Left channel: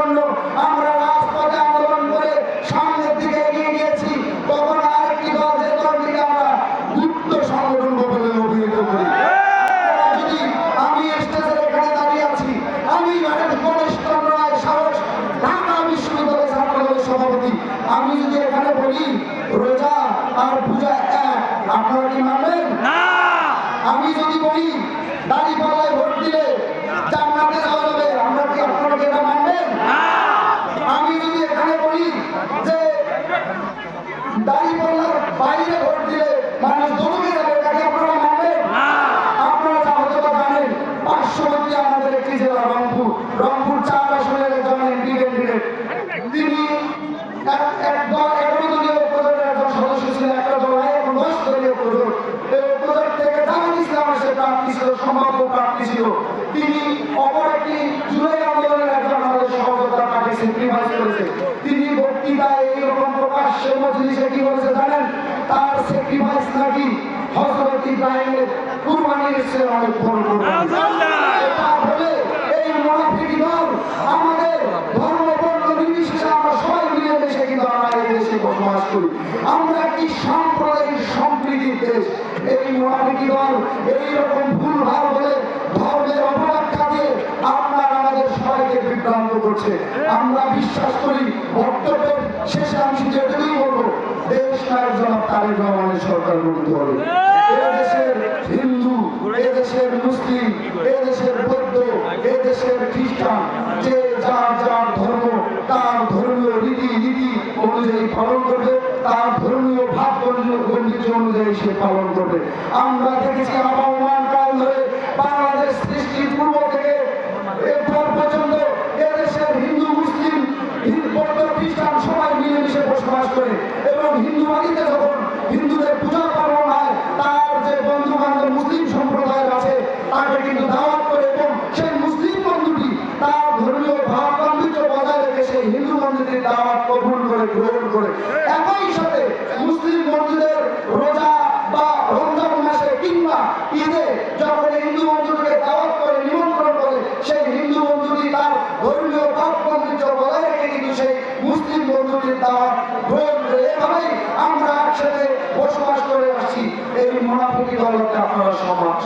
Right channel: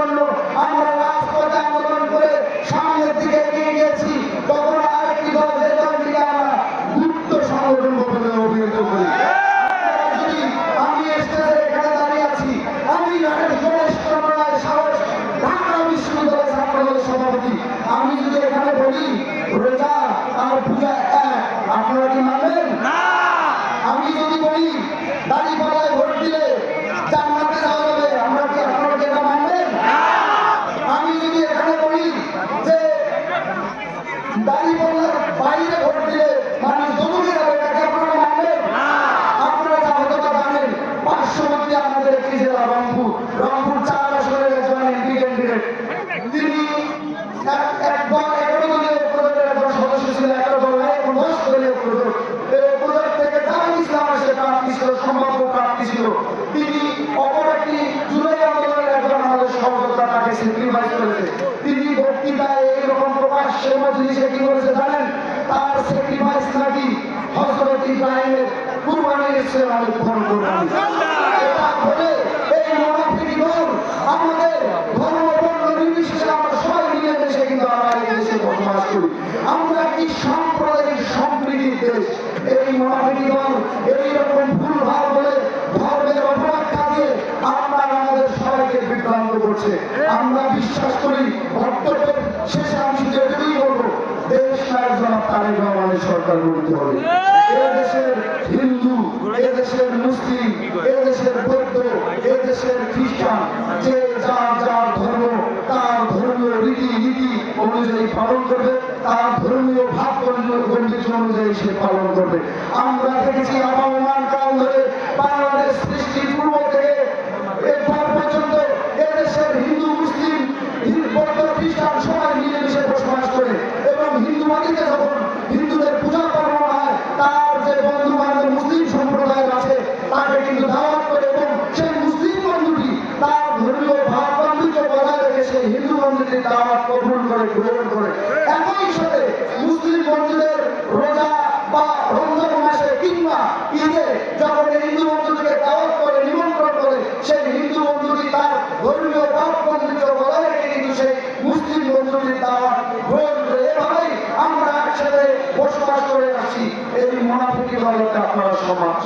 জন্য আমরা রাজপথে আন্দোলন করে সামনের দিকে এগিয়ে গিয়েছি। তখন আরেকটি দল যে দলটিকে আমরা গুপ্ত সংগঠন বলে অভিহিত করি। যদি আমি স্টেজের এখানে দাঁড়িয়ে আছি, আমি গণেশ চন্দ্র রায় সাহস, ঢাকা বিশ্ববিদ্যালয়ের ছাত্রদলের সভাপতি, আমি যদি এখানে বলি রোজা আর পূজা এক, আপনারা কি মানবেন? আমি যদি বলি দাঁড়িপাল্লায় ভোট দিলে জান্নাতে যাওয়া যাবে, আমরা কি আপনারা কি এটা মানবেন? আমি যদি এখানে বলি যে দাঁড়িপাল্লার বাইরে ভোট দিলে মানুষ দমকে যাবে, এটাকে আপনারা মানবেন? আপনারা হয়তো জানেন পার্শ্ববর্তী আমাদের একটি জেলা রংপুর 4 আসনের একজন এমপি ক্যান্ডিডেট, তিনি এক দল 11 দলীয় উপজোটের একজন সদস্য ছিলেন, একটা দল এখন 10 দলীয় উপজোট। এই উপজোট থেকে জামাত ইসলামের সে প্রার্থী ছিল, সম্ভাব্য প্রার্থী ছিল। তিনি অপর একটি জুলাই আন্দোলনের একজন আমাদের সহযোদ্ধা, তাকে স্যাক্রিফাইস করেছে। তিনি বক্তৃতায় এইরকম প্রকাশ্যে মজলিসে কি বলেছে জানেন? তার স্যাক্রিফাইস নাকি হযরত ইব্রাহিমের কুরবানির চেয়ে অনেক বড় কুরবানি। এটা বলে এই মুনাফিক দল আমাদের ধর্ম বর্ণ নির্বিশেষে আমরা সবাই মিলেমিশে কিন্তু আমরা এই দেশে বসবাস করি। আমরা কি সাম্প্রদায়িক সম্প্রীতির দেশ। এই মুনাফিক দল এইরকম ভুলভাল বলে ধর্মের অপব্যাখ্যা দিয়ে আপনার আমাদের সবাইকে বিভ্রান্ত করছে। আমরা বিশ্বাস করি বক্তব্যের শেষে আমি শুধু এটুকুই বলবো, দেশ নায়ক জনাব তারেক রহমানের সরকার গঠিত হবে। এদেশের হিন্দু, এদেশের মুসলিম, এদেশের বৌদ্ধ, এদেশের খ্রিস্টান, যে যার যার ধর্ম তার ধর্মীয় রীতি অনুযায়ী পালন করবে, তার ধর্মীয় ভাব বন্ধুত্ব অনুযায়ী সে পালন করবে। আমরা দেখেছি আবহমান কাল ধরে বাংলাদেশ সৃষ্টির পূর্ব থেকে এরপর পর্যন্ত এদেশের হিন্দু মুসলিম বৌদ্ধ খ্রিস্টান সবাই মিলেমিশে বসবাস করে, এবং হিন্দু বাড়িতে যখন হিন্দুদের পূজা পার্বণ হয় তার যে বন্ধু বান্ধব মুসলিম সম্প্রদায়ের আছে তাকে কিন্তু দাওয়াত করে, এবং সেই মুসলিম বন্ধুটি তার ধর্মীয় ভাব গাম্ভীর্য বজায় রেখে সেই হিন্দু বন্ধুটির দাওয়াত কবুল করে গ্রহণ করে। একই সাথে মুসলিম বন্ধুদের রোজা বা রমজান মাসে কিংবা ঈদে যখন হিন্দু বন্ধুটিকে দাওয়াত করে নিমন্ত্রণ করে, সেই হিন্দু বন্ধুটি তার ধর্মীয় ভাব গাম্ভীর্য বজায় রেখে কিন্তু সেই মুসলিম বন্ধুটির দাওয়াত গ্রহণ করে। এভাবেই আমরা একসাথে বসবাস করে আসছি। এই মুনাফিকি দলকে আপনারা সমাজ